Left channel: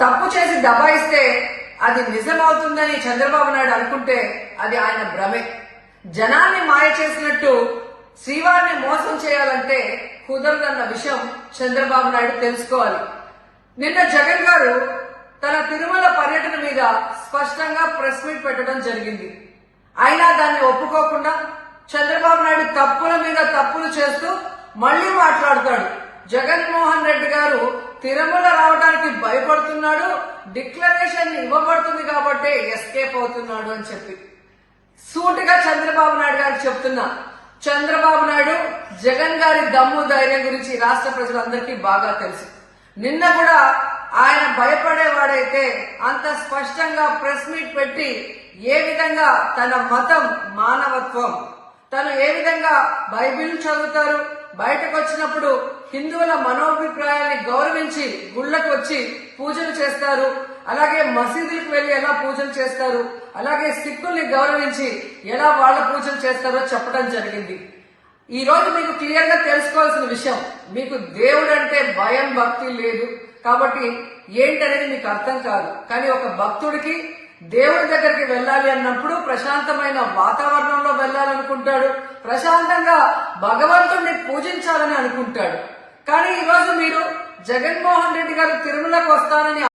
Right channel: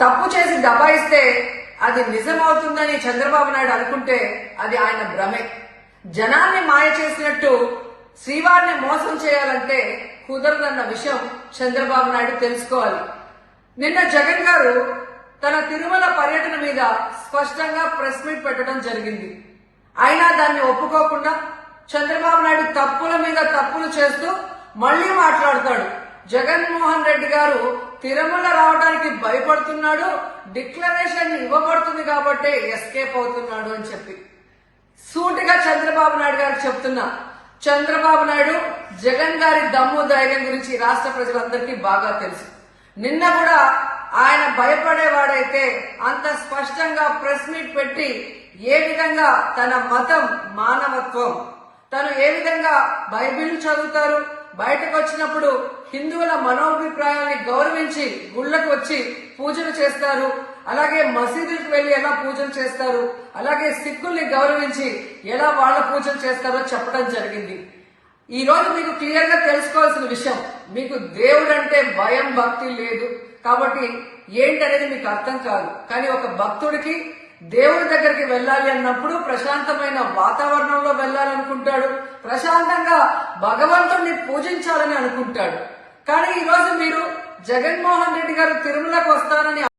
తప్పు చేసి దబాయిస్తే అది నిజమవుతుందని చంద్రబాబు నాయుడు అనుకుంటే అది ఆయన భ్రమే. జనాన్ని మాయ చేసినట్టు శ్రీవారిని మోసం చేయాలంటే కుదరదన్న విషయం చంద్రబాబు నాయుడు తెలుసుకోవాలి. నిన్న జగన్ గారు తన తిరుమల పర్యటన మీద స్పష్టంగా ప్రెస్ మీట్ పెట్టడం జరిగింది. అయినా దాన్ని ఒప్పుకోకుండా చంద్రబాబు నాయుడు తప్పుల మీద తప్పులు చేస్తూ మళ్లీ మాట్లాడతాడు. జగన్మోహన్ రెడ్డి గారు తిరుమల రావడానికి భయపడుతున్నాడు, డిక్లరేషన్ ఇవ్వబడుతుంది కాబట్టి ఎస్కేప్ అవుతున్నాడు అని చెప్పి సూటిగా చంద్రబాబు నాయుడు గారికి చెప్తున్నా. చంద్రబాబు నాయుడు జగన్ గారి దమ్ము ధైర్యం గురించి రాష్ట్ర ప్రజలందరికీ బాగా తెలుసు. నిన్న కూడా ఆయన భయపడేవాడైతే అంత స్పష్టంగా ప్రెస్ మీట్ పెట్టి ఏ విధంగా తన మతం మానవత్వం, తను ఏ విధంగా బైబిల్ చదువుతారు, బయటకు వచ్చినప్పుడు హిందువుల మనోభిప్రాయాన్ని గౌరవించి గుళ్లకు వచ్చి పూజలు చేస్తారు, అలాగే మసీదులకు వెళ్లి ఎలా పూజలు చేస్తారు, అలాగే సిక్కుల్ని గౌరవించి ఎలా వాళ్ళ పూజలు చేస్తారో చెప్పడం జరిగింది. ఈ రోజు మీకు క్లియర్ గా తెలుసుకోవాల్సిన విషయం, మీకు దేవుడు అంటే భయం భక్తి లేదు కాబట్టి ఏంటనేది మీకు అర్థం కాదు. కానీ ఒక భక్తుడికి దేవుడి దగ్గరికి వెళ్ళాలి అన్నప్పుడు ప్రశాంతమైన వాతావరణంలో వెళ్ళాలనుకుంటాడు, ప్రశాంతంగా భగవంతుడిని పూజించాలని అనుకుంటాడు. కానీ ఈ రోజు మీరు జగన్మోహన్ రెడ్డి గారు తిరుమలకు వస్తారని